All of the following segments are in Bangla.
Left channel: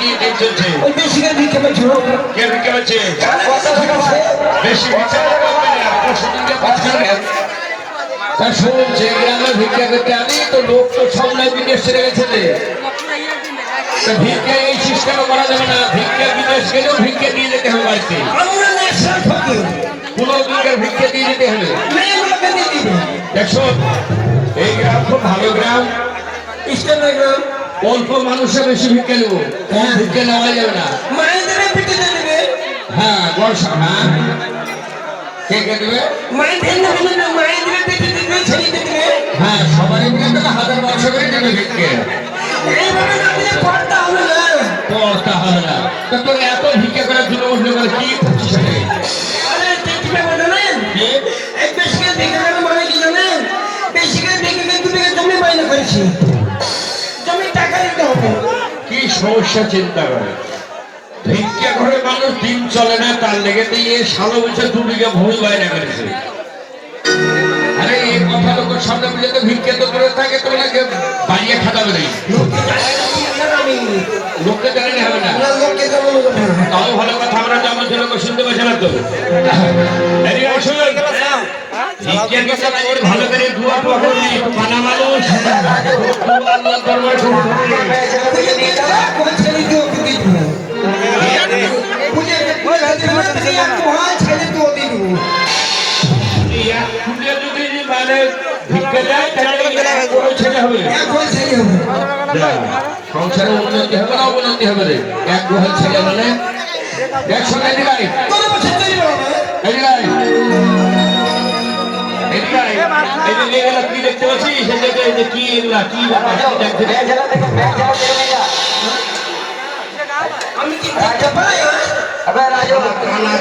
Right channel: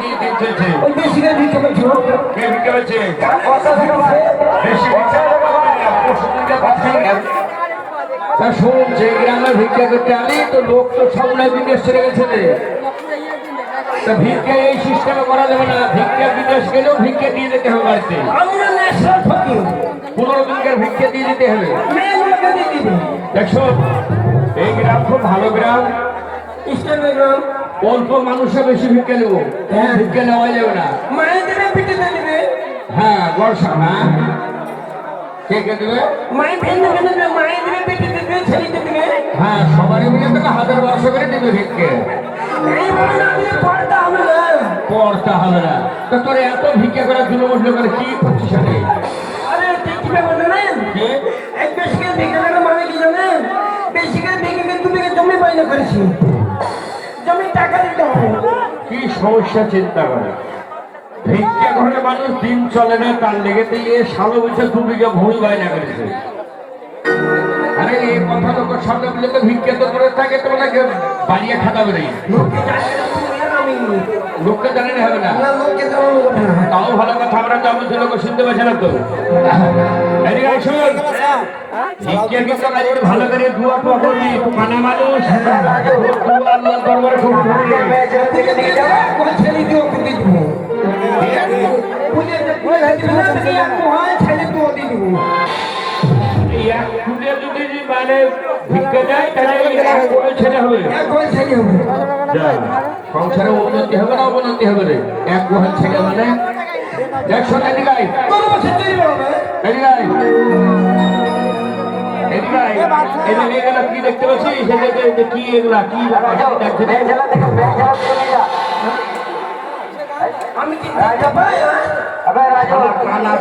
কি দিন চলছে? ওই বেশি করে ভিক্ষা পাচ্ছ। কে ভিক্ষা পাচ্ছে? বেশি ভিক্ষা তা শুনুন, যে গ্রামে ভিক্ষা করতে আমি তো লোক তো সামনে বিদেশ ছেড়ে গেছে। তা ভিক্ষা এই সিস্টেমে করা যাবে না। ভিক্ষা বিদেশ গেলেও ভিক্ষা দিয়ে যেতে হবে বাড়িতে। কোনো দিনকার ভিক্ষা দিয়ে দিতে হবে। দেখো এই গ্রাম খুব ভালো গ্রাম, অল্প মানুষের বেশি ভিক্ষা নেব। ভিক্ষা নেওয়া যাবে না। হ্যাঁ বর্ষা, হ্যাঁ কে কে দেবে? হ্যাঁ সবাই মিলে তাহলে 1000 করে দেবে ভিক্ষে। পড়তে হবে না। তা তোর এত ভিক্ষা করার জন্য উঠলে করে কি করছিস? কি সমস্যা চিন্তা করে? ভিক্ষা করে মানুষ দিন চলে না, তার লেগে দিয়ে 16 বছর 2 বিঘা ভূমি বাইরে করেছে। আরে এই কথা লোকের সামনে বলে তো ভিক্ষা তো করে থাকে, তোমাকে বাইরে খাটাবে নেই। লোককে জানালে হবে না। তাও ভালো কথা, আমরা যেমন লোক শুনতে পাচ্ছি না তো। ভালো করে দুয়া করবি, খানা মানুষ সংসারে উন্নতি হবে না অবনতি হবে রে। এক গোহাল ছেলে মানে একসঙ্গে দিলাই কি দেখতে পাচ্ছি? কি এগুলা কি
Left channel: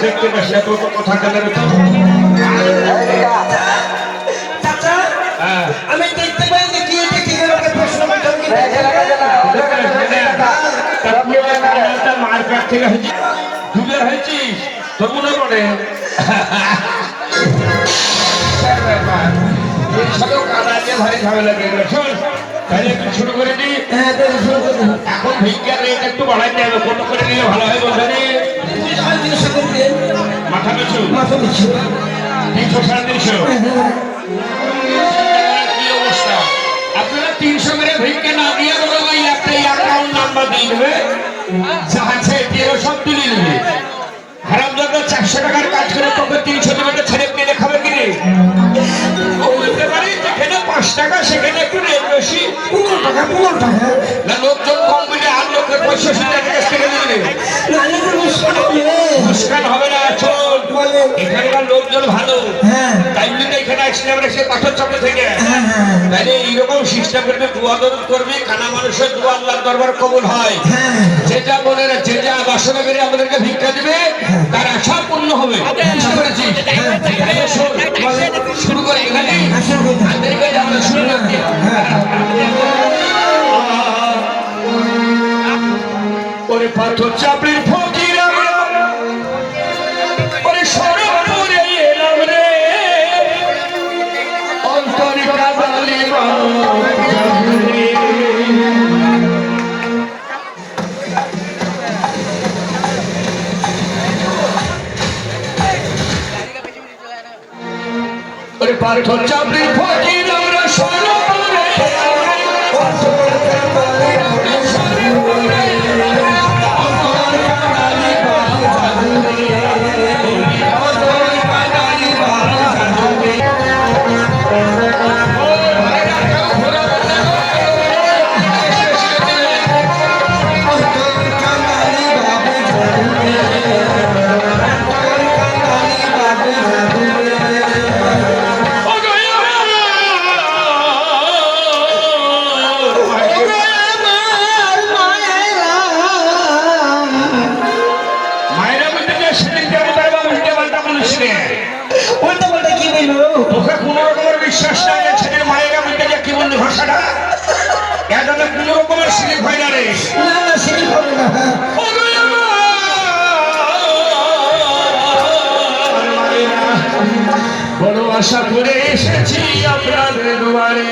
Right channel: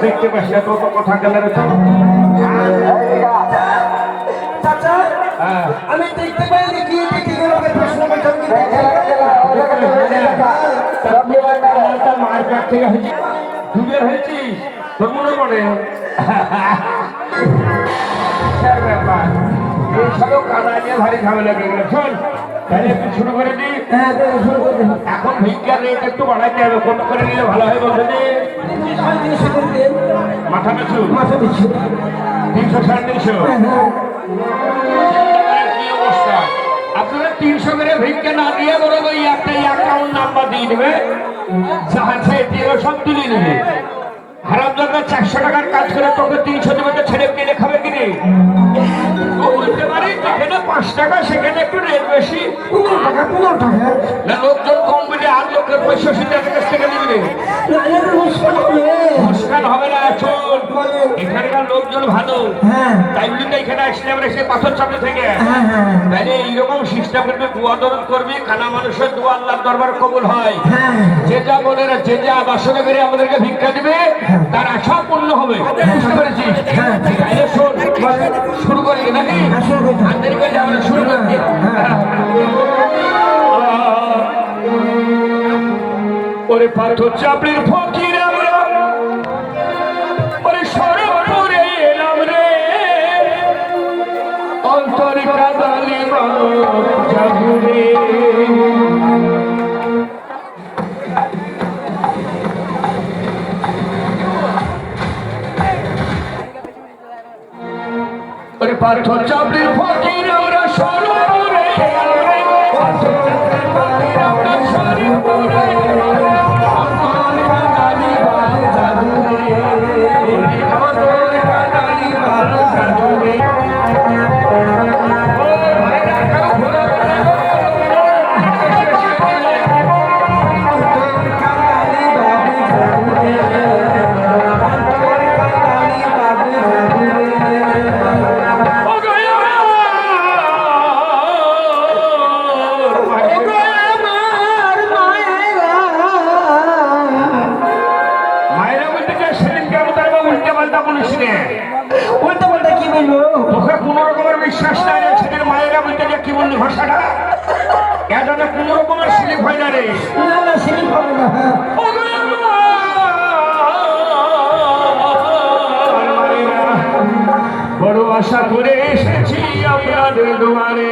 দেখতে পাচ্ছি না তো কথা কালার। আমি দেখতে পাই যে কি প্রশ্ন মার কাছ থেকে দূরে হয়েছিস তো মনে পড়ে। এইসব কাদা দিয়ে ভারী ঝামেলা করে গেল। শোন তাহলে একটু শুরু করে দিই। এখন ভিক্ষার রেট একটু বাড়াইতে হবে। কত করে নিলে ভালো হয় বলতে মাথা পিছু 300 350। কি অবস্থা? আপনারা 300 করে ভিক্ষা না দিয়ে বড় ভাই একটা অ্যাকাউন্ট নাম্বার দিয়ে দেবে, যাচ্ছে দিয়ে সব তুলে নেবে। হারাম দাদা 400 টাকার কাজ করে তোকে 300 টাকা ছেড়ে কিনে খাবে কিনে বলতে পারি। যেখানে 5 টাকা সেখানে একটু রেট বেশি। 15 টাকা না, লোকজন কম বলে আর লোকের 65 টাকা থেকে দিলে মুশকিল হবে না। চল এখানকার লোকজন ভালো, তাই বলে এখানে আসলে আমরা সে পাথর চাপে থেকে তাহলে এইরকম চেষ্টা করবে, দোয়া দরদ করবে, খানা মানুষের দোয়া আল্লাহর দরবার কবুল হয়। যে যা বলে না, যে যা বাসনা করে আমাদেরকে ভিক্ষা দিবে তার আশা পূর্ণ হবে। বুঝতে পেরেছিস? শুরু করি নাকি? শুরু করতে ওরে পাথর চাপড়ির ফকির আমরা ওরে সরপুরে এলাম রে, অন্তরে কাঁদালি ওরে পাথর চাপড়ির ফকির আমরা সরপুরে বিশ্বাস নাই। ছেলের মায়েরা বলতে যে কি বললি ভাষাটা এটা কোনো রকমের স্লিপ হয় না রে। বড় আশা করে এসেছি আপনাদের দুয়ারে,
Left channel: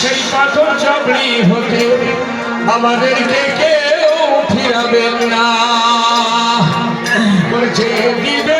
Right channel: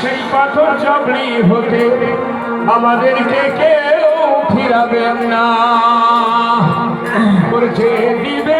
সেই পাথর চাপড়ি হতে আমাদেরকে কেউ দিবেন না বলছে দিবেন